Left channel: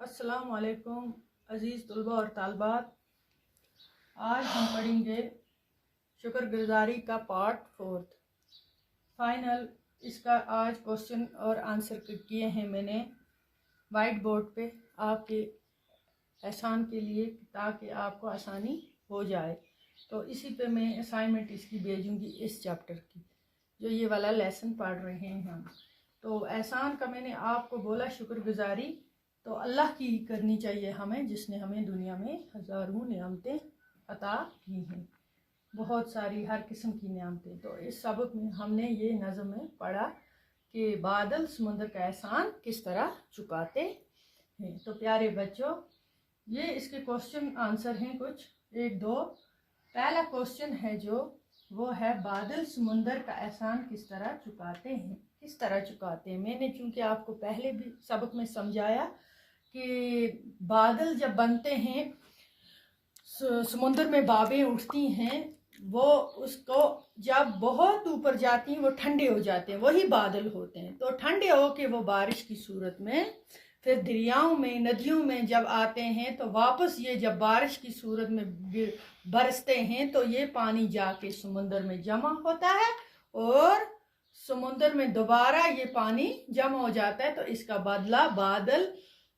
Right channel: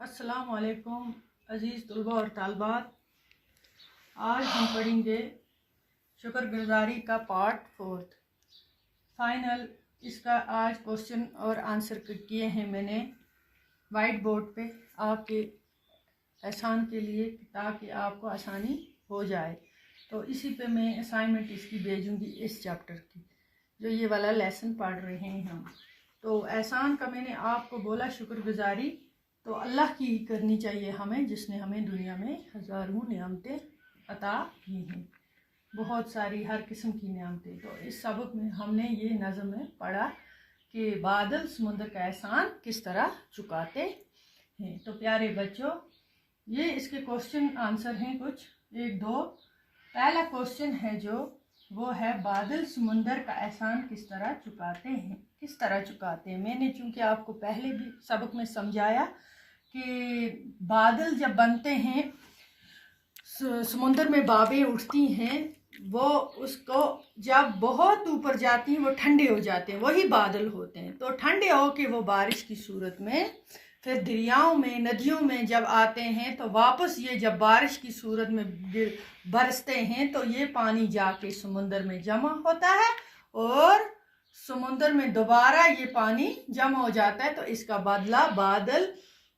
अस्सलाम वालेकुम अज़ीज़ तलबा और तालबात। आज हम पढ़ेंगे शुक्रगुजारी का पार्ट 4 फाइनल। इसका आज क्वेश्चन और आंसर किए हैं मैंने वाइट बोर्ड पे आपके एहसान के लिए, ताकि आपको आसानी हो जाए। तो इसी पे मैं असाइनमेंट इसकी भेजूंगी, इस चैप्टर की जो ये वाला लेसन पढ़ रहे हैं हम। तो एहसान का मैंने आपको बोला शुक्रगुजारी तो अल्लाह की करनी चाहिए हमें, जिसने हमें दुनिया में हज़ारों नेमतें अता की हैं, बहुत सारी हर किस्म की नेमतें। तो इस सबक में हमने ये नज़म में पढ़ा कि बादल समुंदर का एहसान किस तरह चुकाते हैं। तो प्यारे बच्चों, ये इसके क्वेश्चन आंसर हैं कुछ, एक दो। पहला क्वेश्चन है जो वो है बादल समुंदर का एहसान किस तरह चुकाते हैं। किस तरह चुकाते हैं, मैंने चूंकि आपको पहले भी सबक में समझाया कि बादल जब बनते हैं, समुंदर में बाबें उठती हैं, वो उसको जब बहुत ऊपर जाती हैं वो ठंडे हो जाते हैं, वही बादल होते हैं। तो ठंडे हो के वो बारिश की सूरत में फिर दरियाओं में, नदियों में जब आते हैं तो वापस ये जब बारिश की सूरत में बरसते हैं तो ये पानी जाके समुंदर में जमा होता है और समुंदर में दोबारा ये पानी जमा हो जाता है। तो इसका बदला बादल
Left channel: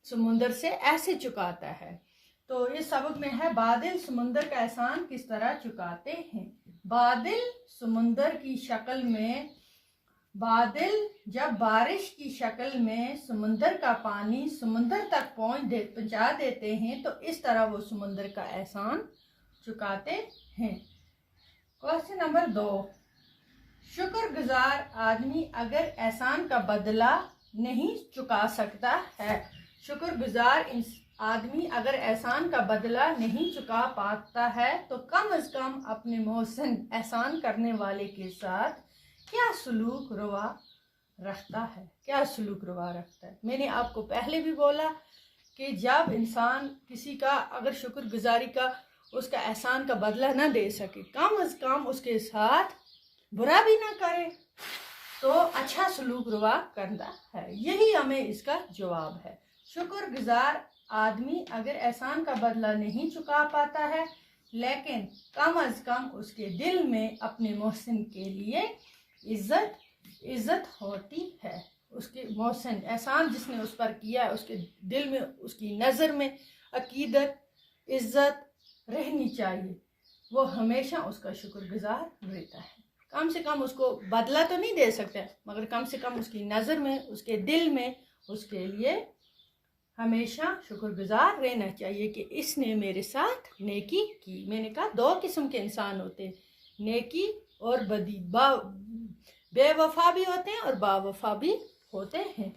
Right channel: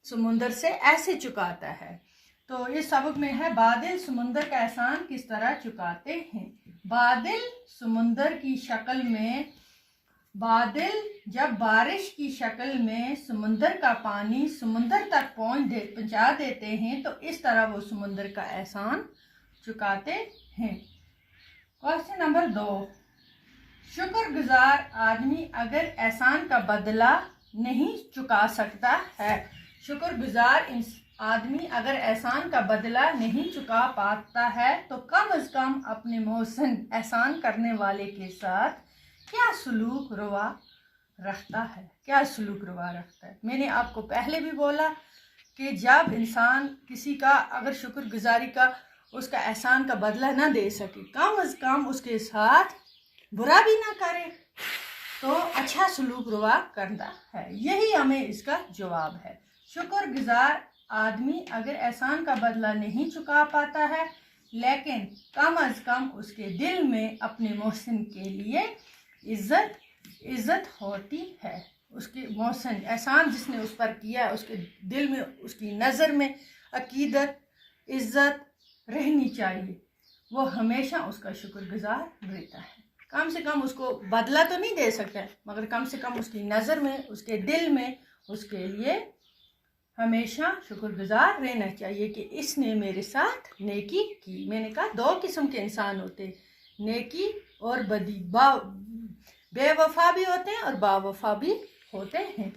समुंदर से ऐसे चुकाता है। तो इस सबक में है बादल समुंदर का एहसान किस तरह चुकाते हैं। बादल समुंदर की शक्ल में, बादल जब बारिश की शक्ल में समुंदर का पानी समुंदर तक पहुंचा देते हैं तो इस तरह वो समुंदर का एहसान चुकाते हैं। क्वेश्चन नंबर 2, शुक्रगुजार आदमी अगर एहसान का बदला नहीं चुका सकता है। शुक्रगुजार आदमी अगर एहसान का बदला नहीं चुका पाता है तो कम अज कम अपने मोहसिन एहसान करने वाले के साथ क्या सलूक रवा रखता है। क्या सलूक रवा रखता है, मैंने आपको पहले भी बोला कि जब इंसान किसी का अगर शुक्रगुजारी का, उसका एहसान का बदला ना दे सके, कम अज कम उसके साथ बुरा भी ना करे, तो अच्छा सलूक रवा करता है। यही हमें इसका जवाब है। शुक्रगुजार आदमी अगर एहसान का बदला नहीं चुका पाता है, लेकिन कम अज कम उसके दिल में अपने मोहसिन के लिए इज्जत होती है। उसके मोहसिन एहसान जिसने उस पर किया है, उसके दिल में, उसकी नज़र में अकीदत, इज्जत रहनी चाहिए। वो हमेशा उसका शुक्रगुजार रहता है। कम से कम उसको बदला तो नहीं दे सकता, मगर कम से कम उसकी नज़र में, उसके दिल में उसके लिए हमेशा शुक्रगुजार रहना चाहिए कि इसने मेरे साथ नेकी की। मैंने कहा 2 किस्म के इंसान होते हैं, नेकी और बदी। बेवफा भी होते हैं और बावफा भी होते हैं।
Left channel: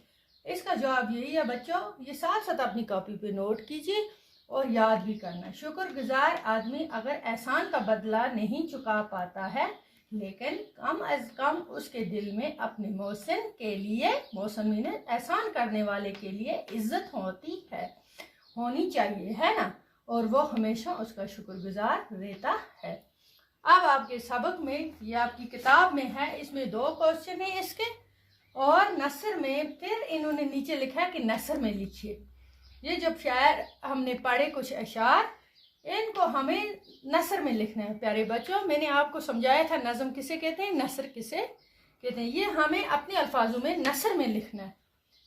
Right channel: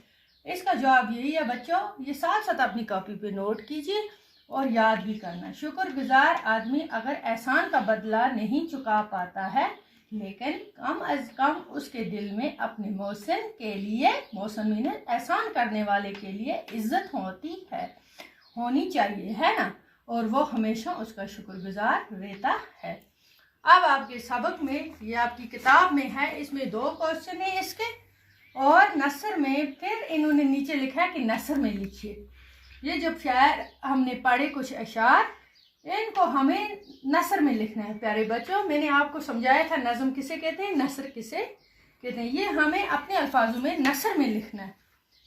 इसका जवाब यही है बच्चों, ये साथ साथ अपनी कॉपी पे नोट कीजिए और याद भी करना। शुक्रगुजार आदमी अगर एहसान का बदला नहीं चुका पाता है, लेकिन कम अज कम उसके दिल में अपने मोहसिन के लिए, मोहसिन मीने एहसान करने वाले के लिए इज्जत होनी चाहिए, है ना, और वो हमेशा उसका शुक्रगुजार रहता है। अब आपके सबक में, ये आपकी किताब में है, इसमें 2 क्वेश्चन है इसके, और नसर में फिर इन्होंने नीचे लिखा है कि नसर में लिखिए। ये जब शायर हमने पढ़े कुछ अशार, इनको हमें नसर में लिखना है। प्यारे बच्चों, मैंने आपको समझाया था नज़म किसे कहते हैं, नसर किसे कहते हैं। ये हमें अपने अल्फाजों में नसर में लिखना है,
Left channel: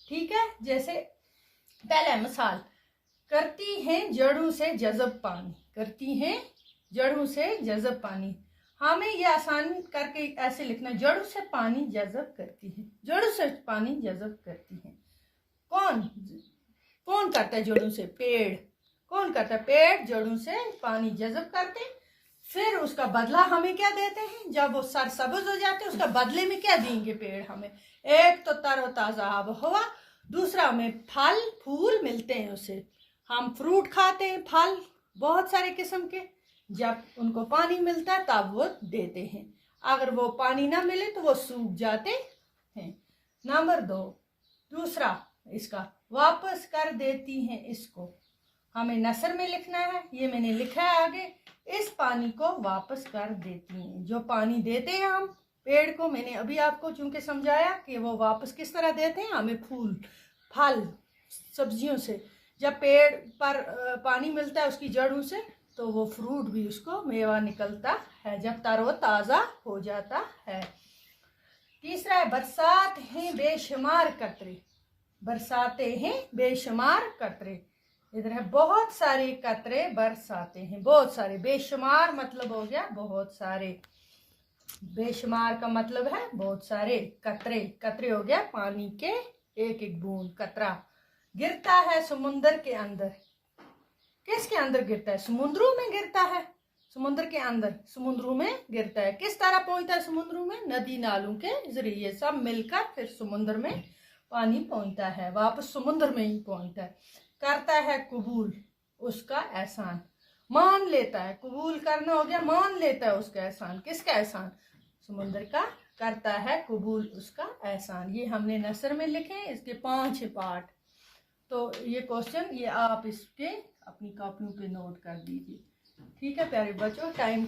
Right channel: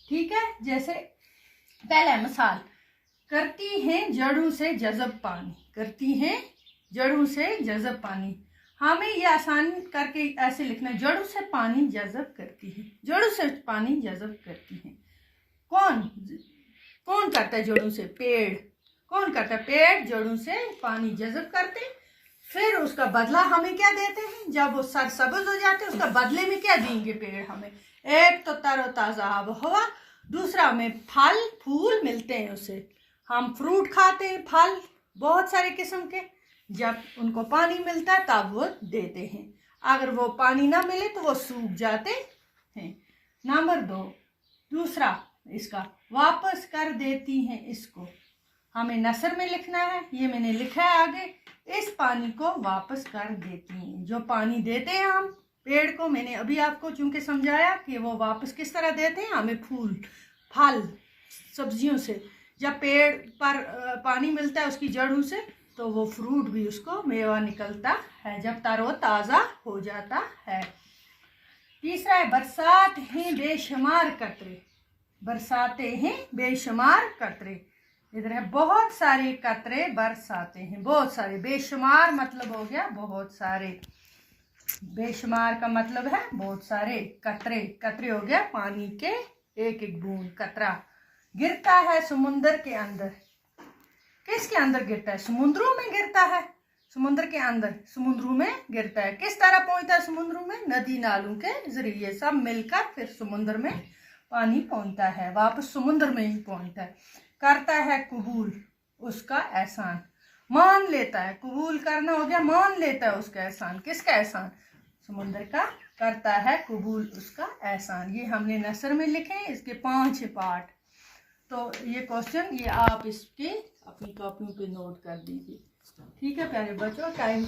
ठीक है। जैसे पहला मिसाल, करती हैं जड़ों से जज़ब पानी, करती हैं जड़ों से जज़ब पानी। हमें ये आसान करके ऐसे लिखना है, जड़ों से पानी जज़ब करती है, जड़ों से पानी जज़ब करती है। कौन करता है जड़ों से? पेड़। कौन करता है? पेड़ जड़ों से पानी जज़ब करते। फिर उसका बदला हमें क्या देते हैं, जब वो सरसब्ज हो जाते हैं उसका बदले में क्या देंगे पेड़ हमें? एक तो तरोताज़ा आबहवा, दूसरा हमें फल फूल मिलते हैं, उससे हम फ्रूट खाते हैं, फल बहुत सारे किस्म के। जब उनको पानी मिलता है तब वो देते हैं, अगर वो पानी ना मिले तो वो सूख जाते हैं। नंबर 2, दूसरा इसका वापस कर देती हैं, इसको हमें नसर में लिखना है। ये मैंने लिखा है आगे, इस पानी को वापस कर देती हैं। जो पानी देते हैं हम पेड़ को, मैंने अभी आपको चूंकि समझाया कि वो वापस किस तरह देते हैं हमें, फूल फल सब्जियों से, जब पेड़ पर पानी मिलता है उसकी जड़ों से, तो वो फ्रूट भी उसको मेवा निकलता है जब तरोताज़ा हो जाता है। तीसरा है बरसात हैं बेशुमार कतरे। बरसाते हैं बेशुमार कतरे। इधर है बहुत सारे कतरे बरसाते हैं, बहुत सारे। बेशुमार मतलब हो गया बहुत सारे, बेशुमार का मतलब है बहुत सारे। कतरे, कतरे हो गया पानी के एक एक बूंद, कतरा। गिरता है समुंदर के अंदर। किसके अंदर गिरता है? समुद्रों में गिरता है। समुद्र के अंदर, समुद्रों में गिरता है। किस तरह पहुंचता है समुद्रों में? नदी नालों के जरिए, सब मिलकर फिर समुद्र में पानी पहुंचता है, वापस समुद्र में ही पहुंचता है। करता है कबूल उसका एहसान। मान लेता है, कबूल करना हो गया, मान लेता है उसका एहसान। किसका एहसान? समुद्र का। करता है कबूल उसका एहसान। ये हमने नसर में लिखे हैं, इसके 5 पार्ट। तो ये क्वेश्चन ये आप इसके अपनी कॉपियों पे नोट कर दीजिए। ठीक है प्यारे बच्चों, टाइम